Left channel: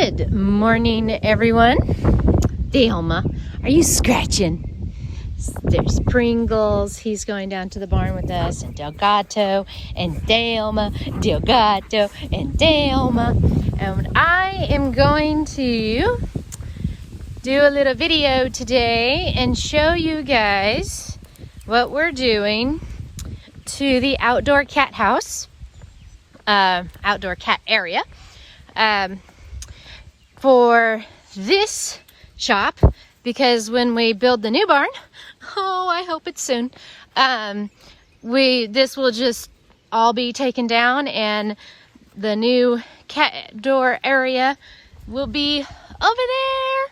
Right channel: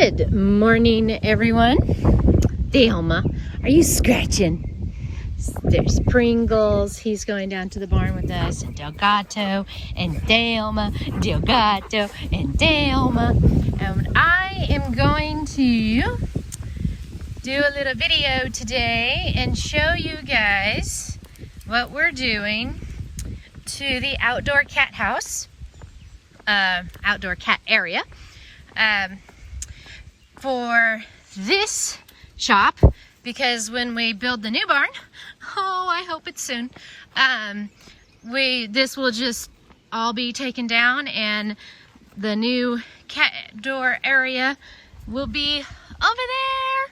Good morning, everyone. Delma, are you scratching? There's Pringles. He's going down to the barn with us. And Delgato and Delma. Delgato and Delma. And I am going to do a little video today and show you guys what we're doing to the outdoor cat house, outdoor cat area. For this shop, because when we build the new barn, oh, I hope it's soon, this will just all be taken down and the new cat door area will be over there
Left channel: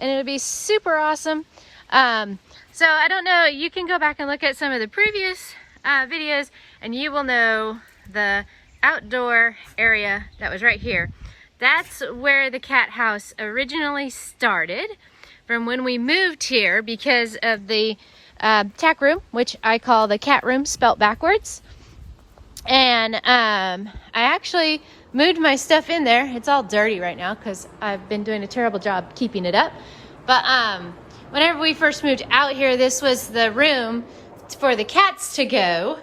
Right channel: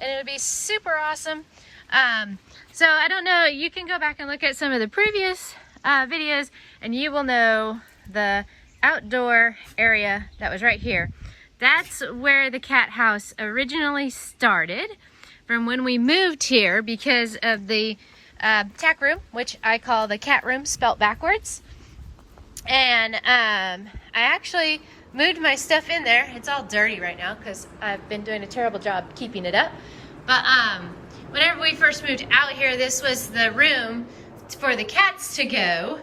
and it'll be super awesome. So I don't know, you can go back and look at some of the previous videos and you will know the outdoor area that was right here. That's where the cat house originally started from when we moved here because of the tack room, which I call the cat room spelt backwards. And I actually moved my stuff in there. It's all dirty right now because I've been doing a terrible job keeping it up. But whenever we first moved out here, this was the room for the cats to go.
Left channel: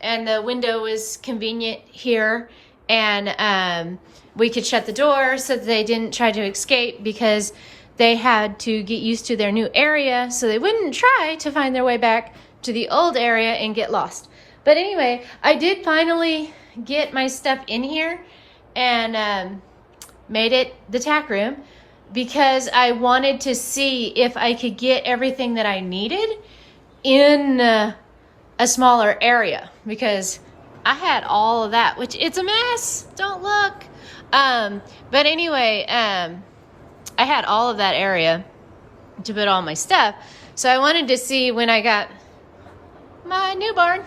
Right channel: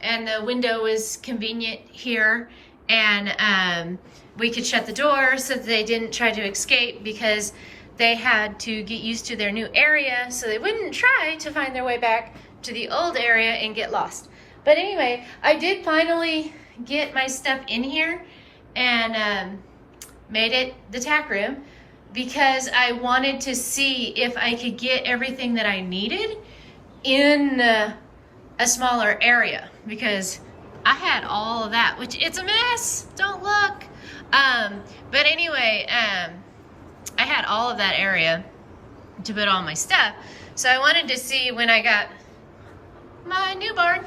And the window was convenient here. And we could shut the door so that they didn't try to escape because they had to get used to their new area so they wouldn't try to find their way back to the old area and get lost. But anyway, I did finally get my stuff in here and made it the tack room because I wanted to see if I could get everything that I needed in a smaller area because I had all of that, which it's a mess, don't look. But anyway, I had all of that area to put all my stuff. So I wanted to see when I got my new barn,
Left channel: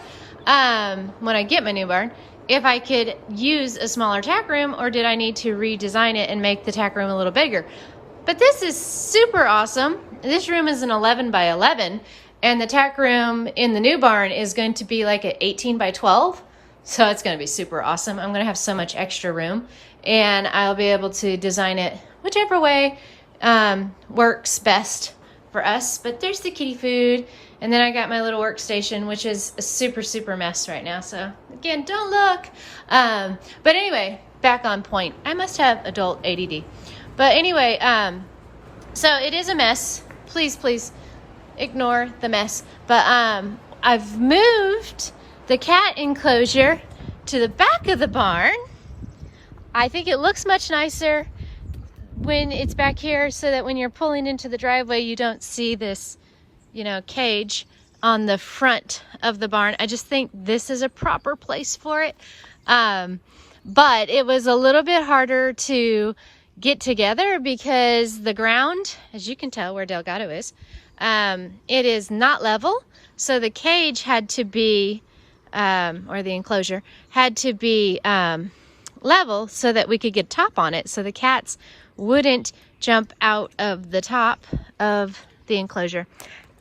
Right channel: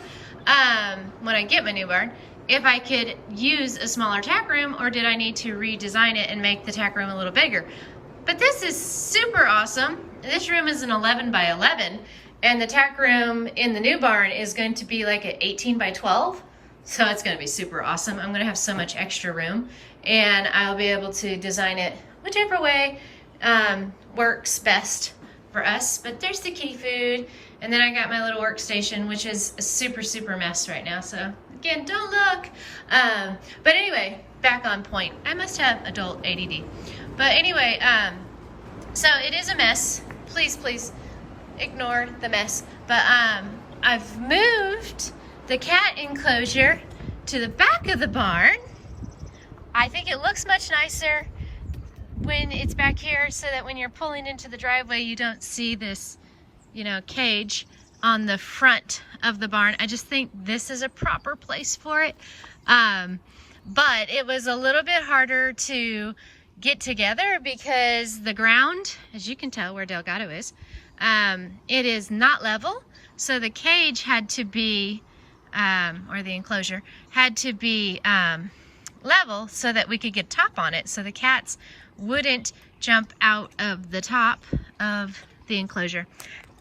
when I get my new barn, if I could use a smaller tack room or did I need to redesign it and make the tack room a little bigger. But this is super awesome. This room is an 11 by 11 and the tack room in the new barn is going to be like an 18 by 12. So it's gonna be super awesome. I'm gonna have so much extra room and I'll be able to design it whichever way works best for us. But there's the kitty food and then I got my little workstation, which is a super mess right now. So again, don't look. But anyway, back on point. I must have adult ADD. But anyway, so it is a mess. Please ignore the mess. But I've moved the cat enclosure to the back of the barn. I think it looks much nicer when it's back here so that when you're pulling into the driveway, you don't see this, you know, cage on the front of the barn. I just think this is a proper place for it. But it was a little bit harder to get together because the ground, as you can tell where Delgado is, it is not level. So the cage had to be or the enclosure had to be level so that we could get top on it so the cats wouldn't jump out of the top of the enclosure.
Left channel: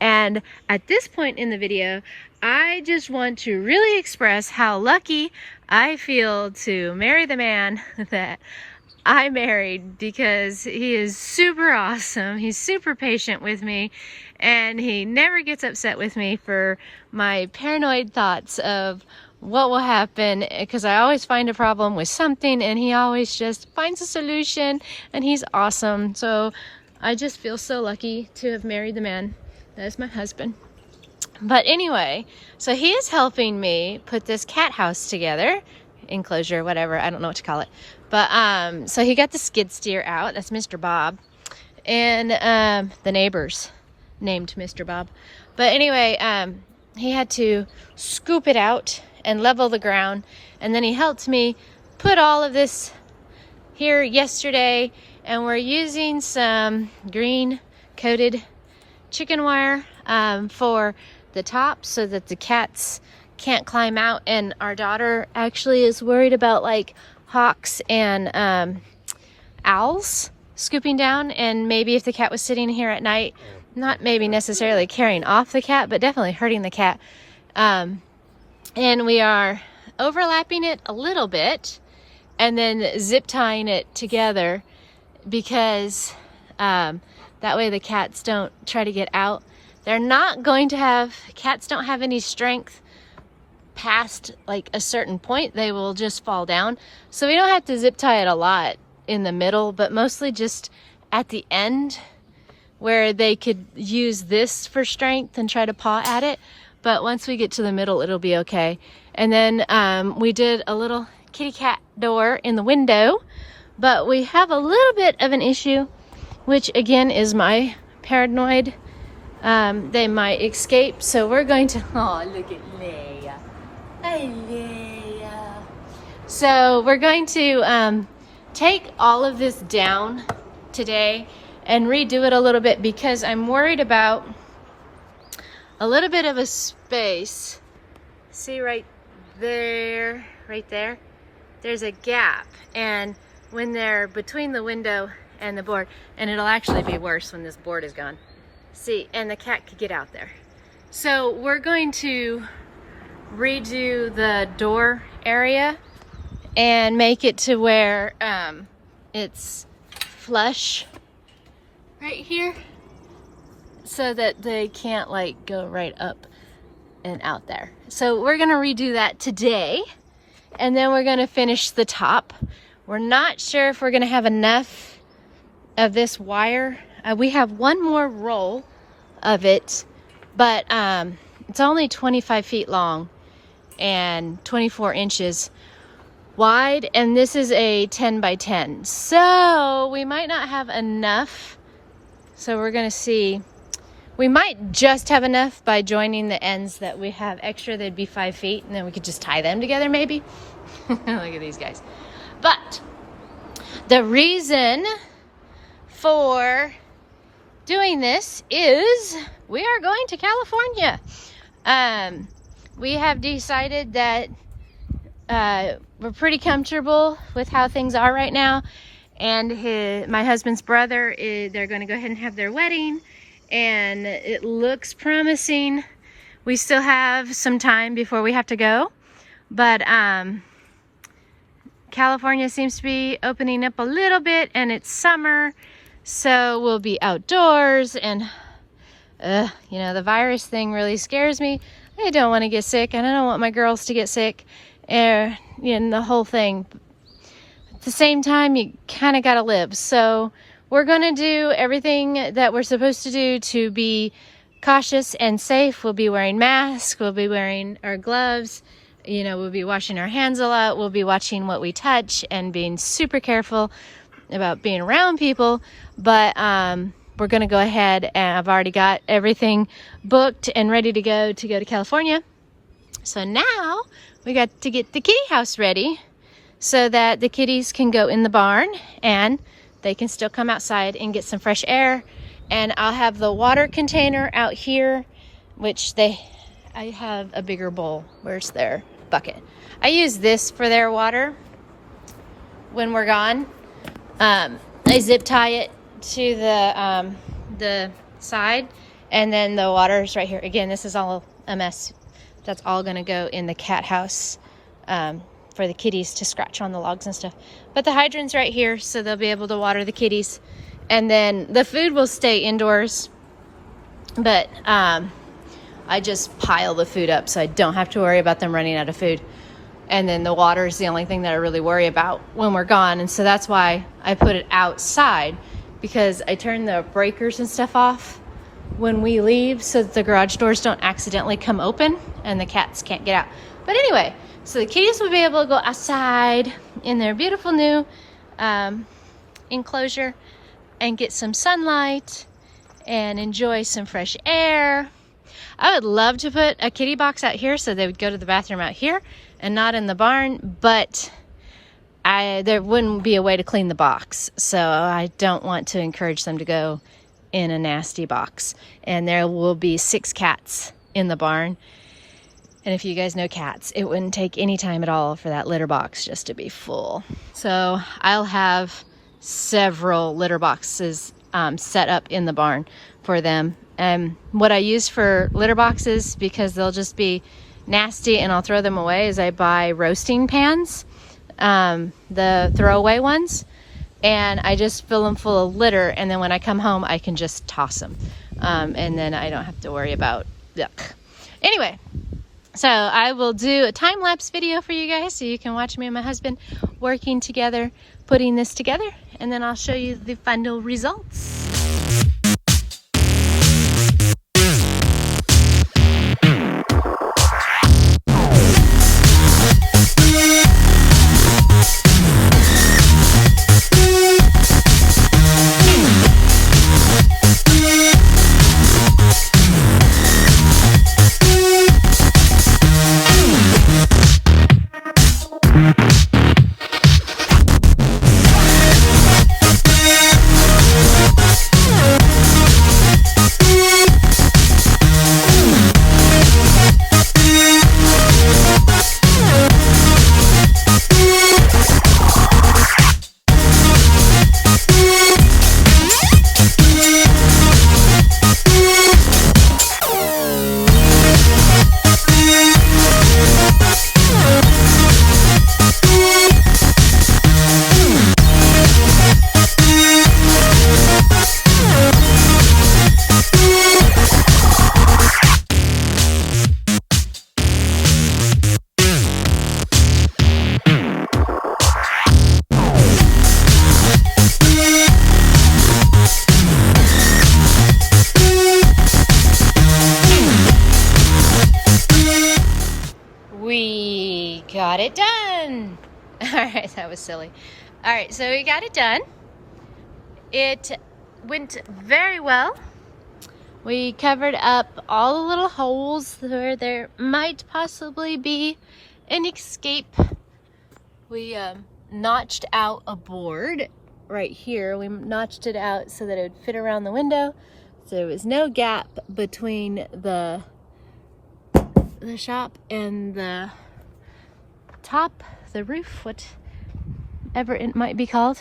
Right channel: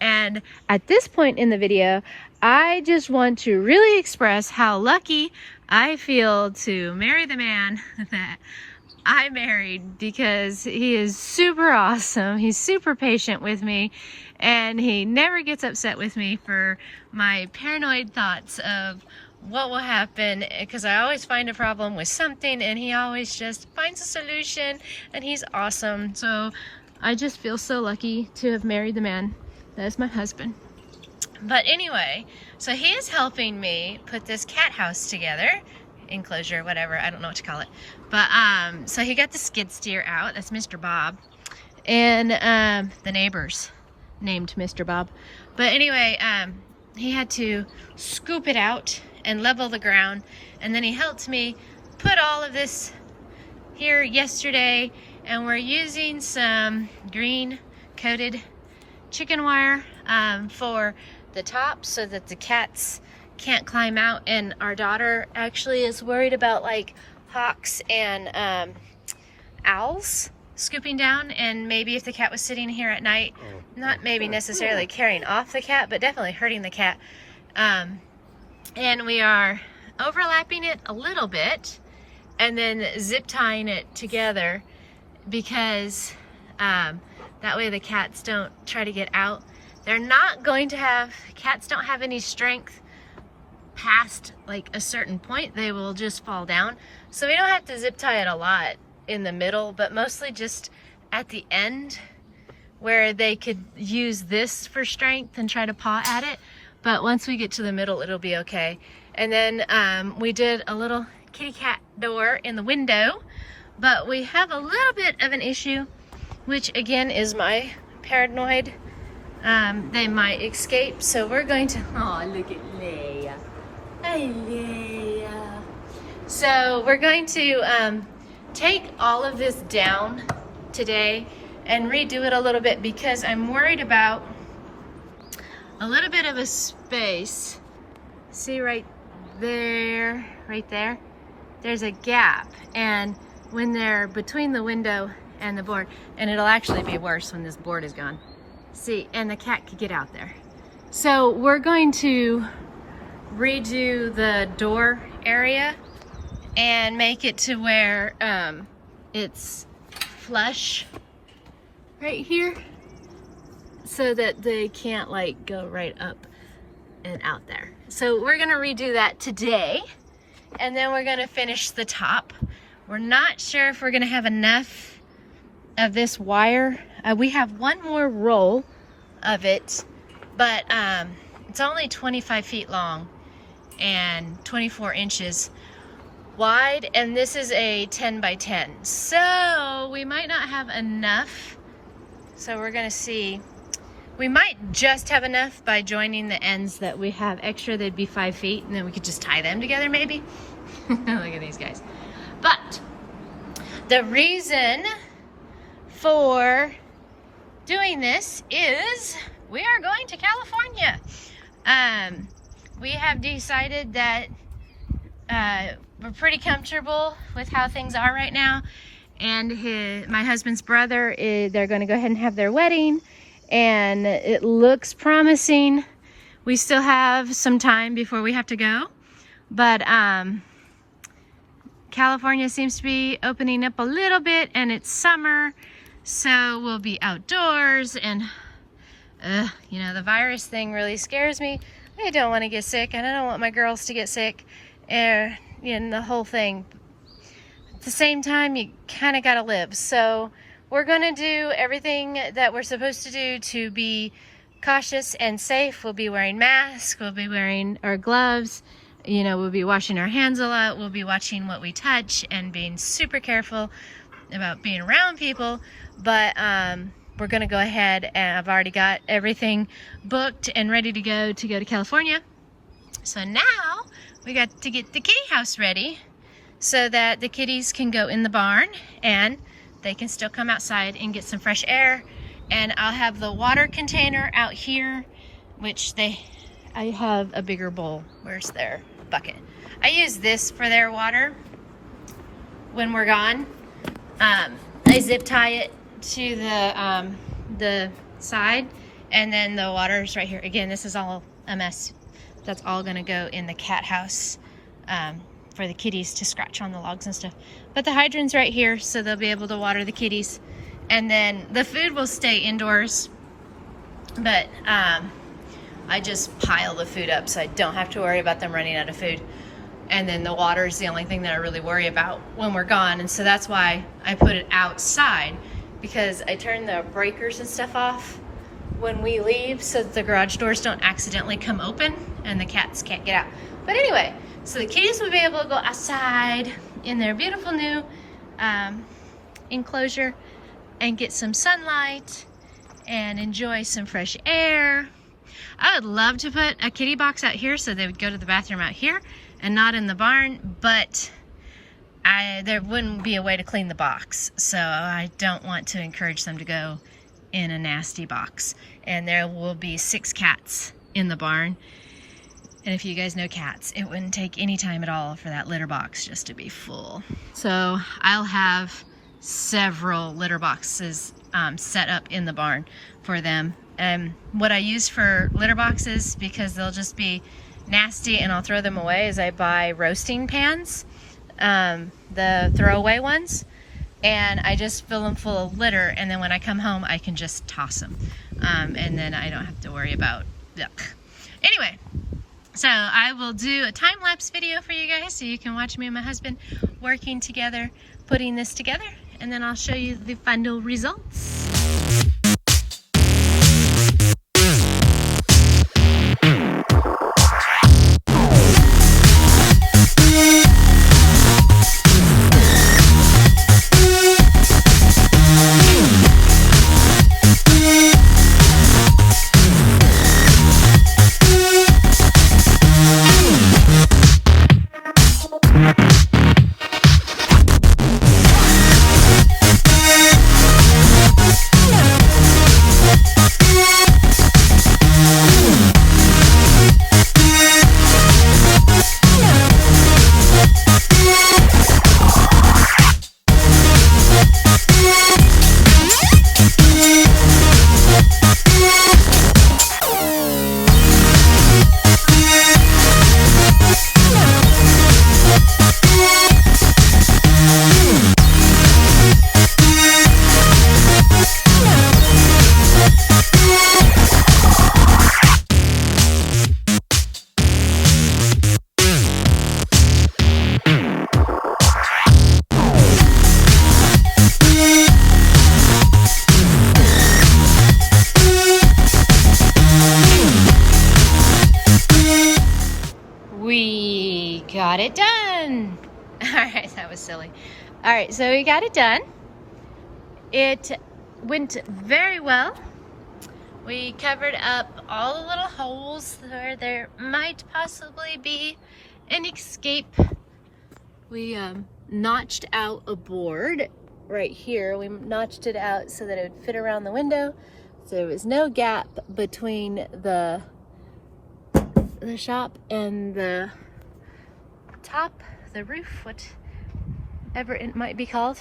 And at this point in the video, I just want to really express how lucky I feel to marry the man that I married because he is super awesome. He's super patient with me and he never gets upset with me for my paranoid thoughts of what will happen because I always find a problem with something and he always just finds a solution and he's awesome. So I just feel so lucky to have married the man that is my husband. But anyway, so he is helping me put this cat house together, enclosure, whatever, I don't know what to call it. But so he got the skid steer out. That's Mr. Bob. And the neighbors named Mr. Bob. But anyway, he had to scoop it out and level the ground. And then he helped me put all of this here yesterday. And we're using some green coated chicken wire for the top so that the cats can't climb out. And our daughter actually is worried about like hawks and owls scooping down, and maybe if the cat was sitting here at night, not maybe necessarily carrying off the cat, but definitely hurting the cat. And we are overlapping it a little bit and then zip tying it together because that way the cats don't try to get out. They're not going to have, cats don't have any strength past like a certain point. They will just fall down. So we don't have to zip tie it a lot in the middle, but mostly just at the end where they could use this for strength and try to paw at it. But once we get to the middle, it'll be okay. And then we did a little kitty cat door in the window, but we have a little bit of an issue, which again is my paranoid. They might escape, so we're going to, oh, look at Leia. Hi, Leia. So we're going to take all of this down today and redo it a little bit because I'm worried about a little bit of a space. See right there, there's a gap, and when they're between the window and the board, and it'll actually be worse when this board is gone. See, and the cat could get out there. So we're going to redo the door area and make it to where it's flush right here so that they can't like go right up and out there. So we're gonna redo that today, and then we're gonna finish the top. We're not sure if we're gonna have enough of this wire. We have one more roll of it, but it's only 25 feet long and 24 inches wide, and this is a 10 by 10. So we might not have enough. So we're gonna see. We might just have enough by joining the ends that we have extra. They'd be 5 feet, and then we could just tie them together maybe. Look at these guys. But the reason for doing this is we are going to California. We have decided that we're pretty comfortable with how things are right now, and my husband's brother they're going to go ahead and have their wedding, and it looks promising. We still have some time before we have to go, but California seems to be opening up a little bit, and it's summer, so we'll be outdoors, and you know, the virus thing really scares me. I don't want to get sick, and I don't want my girls to get sick, and the whole thing. At the same time, you kind of got to live. So we're going to do everything that we're supposed to do to be cautious and safe. We'll be wearing masks. We'll be wearing our gloves. You know, we'll be washing our hands a lot. We'll be watching what we touch and being super careful about being around people. But we're going to go ahead, and I've already got everything booked and ready to go to California. So now we got to get the kitty house ready so that the kitties can go in the barn and they can still come outside and get some fresh air. And I'll have the water container out here, which I have a bigger bowl. Where's their bucket? I use this for their water when we're gone. I zip tie it to the side, and then the water's right here. Again, this is all a mess. That's all gonna go in the cat house for the kitties to scratch on the logs and stuff. But the hydrant's right here, so they'll be able to water the kitties. And then the food will stay indoors, but I just pile the food up so I don't have to worry about them running out of food. And then the water is the only thing that I really worry about when we're gone. And so that's why I put it outside, because I turn the breakers and stuff off when we leave so that the garage doors don't accidentally come open and the cats can't get out. But anyway, so the kitties will be able to go outside in their beautiful new enclosure and get some sunlight and enjoy some fresh air. I would love to put a kitty box out here so they would go to the bathroom out here and not in the barn, but there wouldn't be a way to clean the box, so I don't want to encourage them to go in a nasty box. And there will be 6 cats in the barn, and if you guys know cats, it wouldn't take any time at all for that litter box just to be full. So I'll have several litter boxes set up in the barn for them. And what I use for litter boxes, because they'll just be nasty and I'll throw them away, is I buy roasting pans, the throwaway ones, and I just fill them full of litter, and then when I come home I can just toss them, and then I don't have to worry about yuck. Anyway, so I will do a time-lapse video for you guys so you can watch me and my husband working together, putting this together, and then I'll show you the final results. We got it done. All right, that was silly. All right, so we got it done. It went very well. We covered up all the little holes where there might possibly be an escape. We notched out a board right here. We notched it out so that it would fit around the window, so there was no gap between the shop and the top, the roof, whatever it might be called,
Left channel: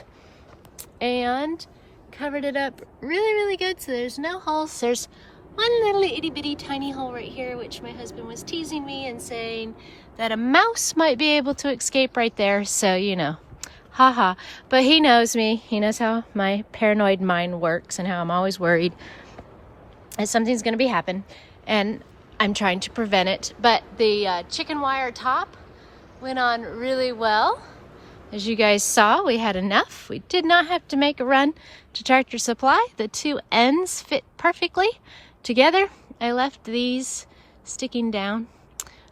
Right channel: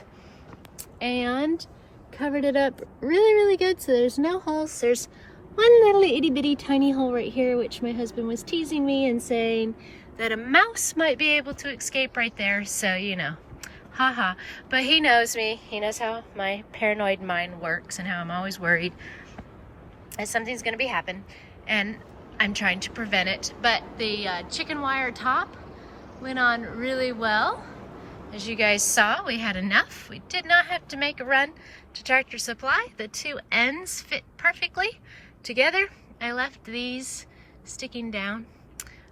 and covered it up really good so there's no holes. There's one little itty bitty tiny hole right here, which my husband was teasing me and saying that a mouse might be able to escape right there, so you know, haha. But he knows me, he knows how my paranoid mind works and how I'm always worried that something's gonna be happen, and I'm trying to prevent it. But the chicken wire top went on really well. As you guys saw, we had enough. We did not have to make a run to Tractor Supply. The two ends fit perfectly together. I left these sticking down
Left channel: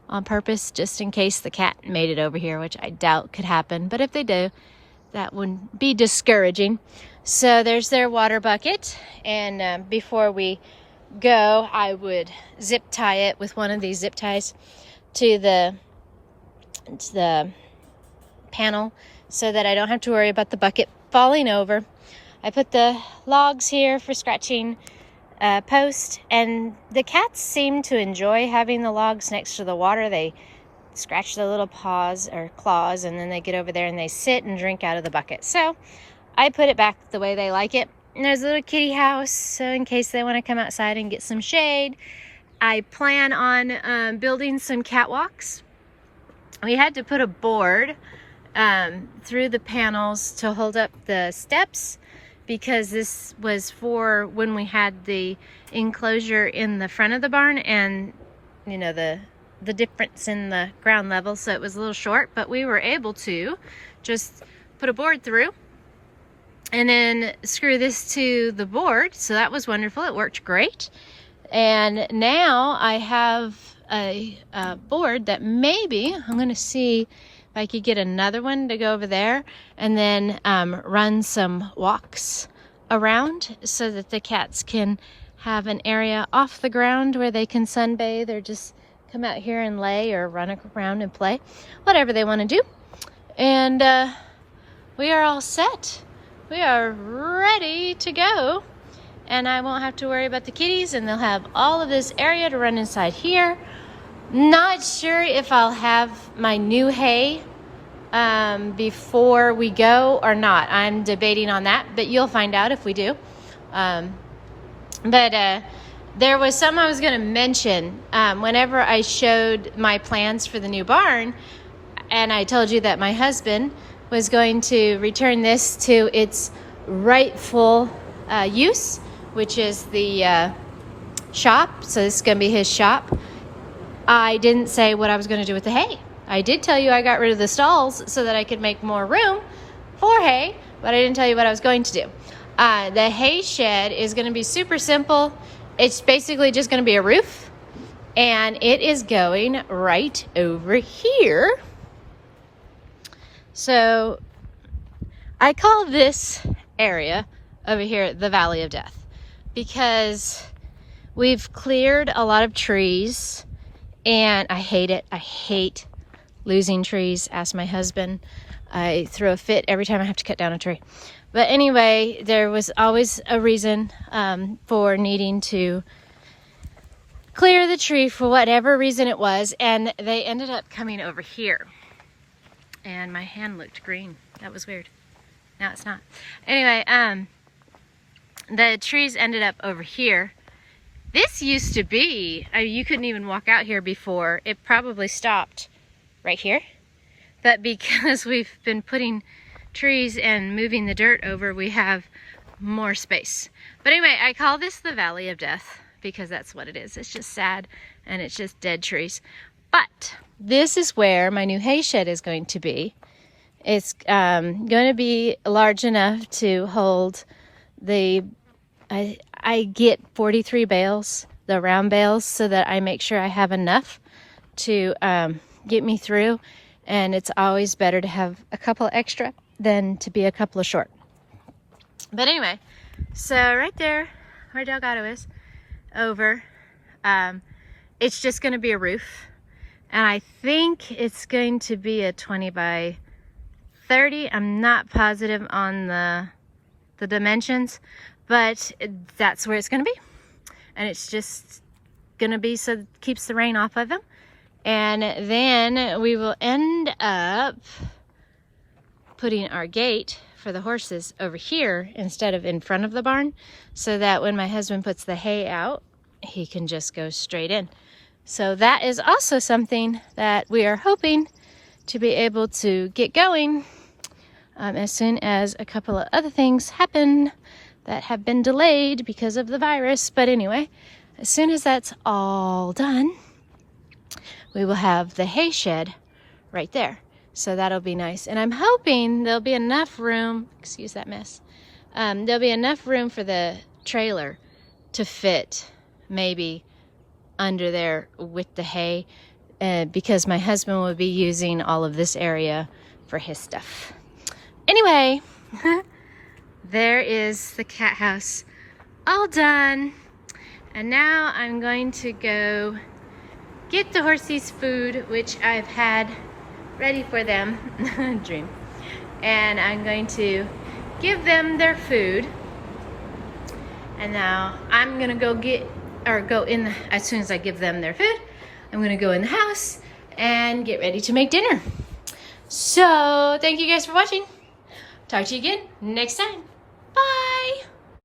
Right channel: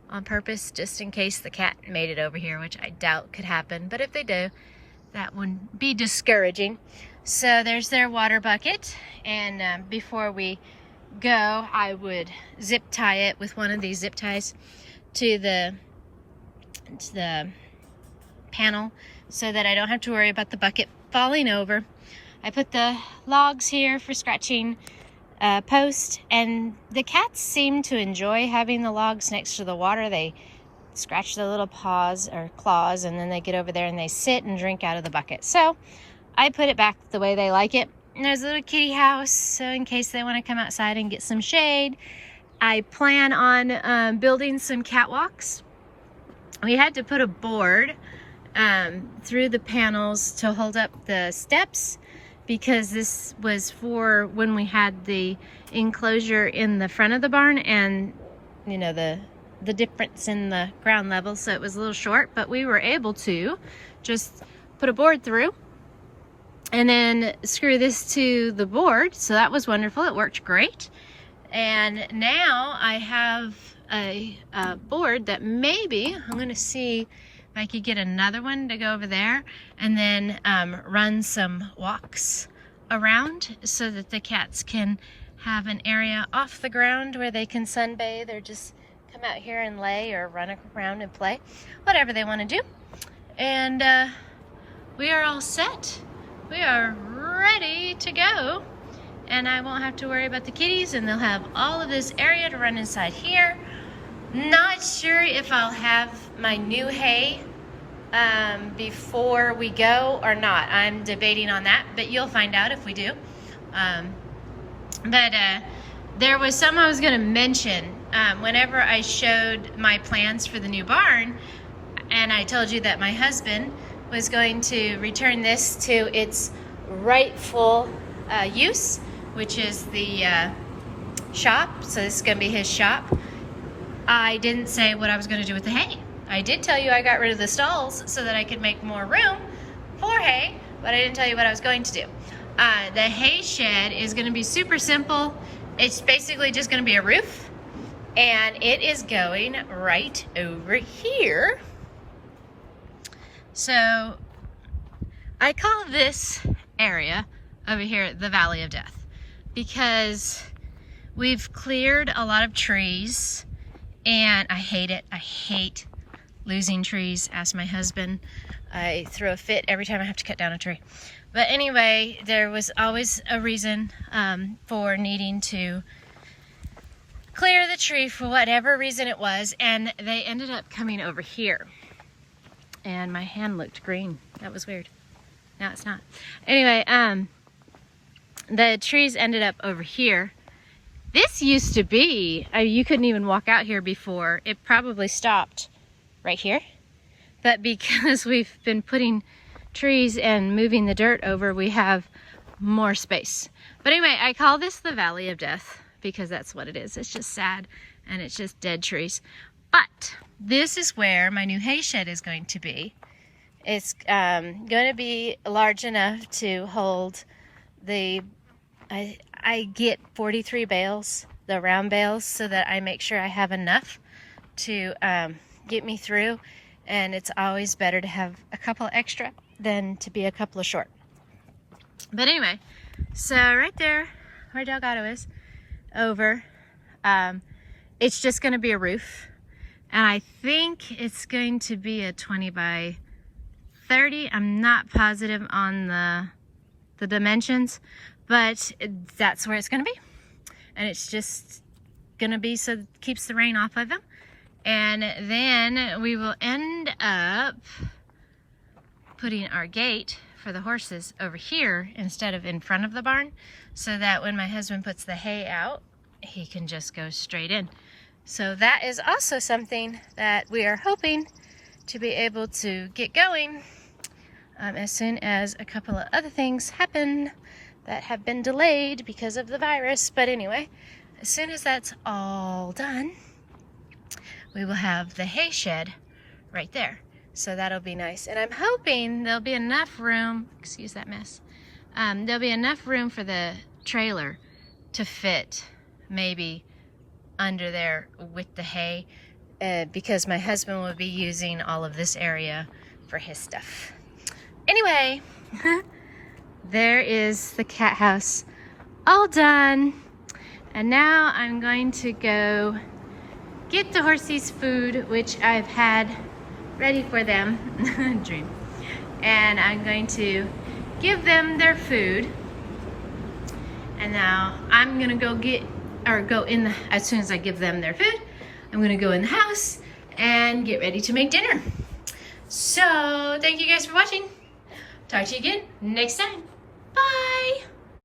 on purpose just in case the cat made it over here, which I doubt could happen. But if they do, that wouldn't be discouraging. So there's their water bucket. And before we go, I would zip tie it with one of these zip ties to the panel so that I don't have to worry about the bucket falling over. I put the logs here for scratching post, and the cats seem to enjoy having the logs next to the water. They scratch their little paws or claws, and then they get over there and they sit and drink out of the bucket. So I put it back the way they like it. And there's a little kitty house, so in case they want to come outside and get some shade. I plan on building some catwalks. We had to put a board through the panels to hold up the steps, because this was for when we had the enclosure in the front of the barn, and you know, the difference in the ground level, so it was a little short, but we were able to just put a board through and then screw this to the board. So that was wonderful. It worked great. And now I have a board that maybe I'm going to see if I could get another one to go over there, and then run some walks around so that the cats can have an area off the ground where they can sunbathe or just come out here and lay or run around and play, whatever they want to do. And we are all set. We are ready to go, and I won't have to worry about the kitties, and they'll have all of this area to run inside here. Not sure if I'll have my new hay before we go or not. I'm debating on that, but you'll find out if we do. There was something I was going to mention whenever I showed my plans for the new barn, and I told you that my husband was going to return this to its rightful use, which is the shop. So this is going to be his shop. I didn't say what I was going to do with the hay. I did tell you I got rid of the stalls so that I could make more room for hay, but I didn't tell you what I was going to do. The hay shed is going to be super simple. It's basically just going to be a roof, and it is going right over here. So I call this area over here the Valley of Death because we've cleared a lot of trees, and I hate it. I hate losing trees. Ask my husband. I throw a fit every time I have to cut down a tree. But anyway, there was always a reason for needing to clear the tree for whatever reason it was, and they ended up coming over here. And my hand looked green. That was weird. Now it's not. Anyway, the trees ended up over here. This used to be, you couldn't even walk out here before. It probably stopped right here. But because we've been putting trees and moving the dirt over, we have more space. But anyway, I call this the Valley of Death because that's what it is. It's just sad and it's just dead trees. But this is where my new hay shed is going to be. It's going to be large enough to hold the, I get 43 bales, the round bales, so that I make sure I have enough to get me through. And it's always better to have a couple extra than to be a couple of short. But anyway, so right there where Delgado is, over, it's just going to be a roof. And I think it's going to be a 20 by 30. I'm not positive on the dimensions, but that's where it's going to be. And it's just going to be so it keeps the rain off of them. And then we will end up putting our gate for the horses over here instead of in front of the barn, so that when my husband puts the hay out, he can just go straight in. So that is also something that we are hoping to be able to get going as soon as a couple of other things happen that have been delayed because of the virus. But anyway, as soon as that's all done, we will have the hay shed right there. So that'll be nice. And I'm hoping there'll be enough room, excuse that mess, there'll be enough room for the trailer to fit maybe under there with the hay, because my husband will be using all of this area for his stuff. Anyway, there is the cat house all done. And now I'm going to go get the horsies food, which I've had ready for them. Dream. And I'm going to give them their food. And now I'm gonna go as soon as I give them their food, I'm gonna go in the house and get ready to make dinner. So thank you guys for watching. Talk to you again next time. Bye.